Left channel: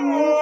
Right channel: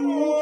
Mm-hmm.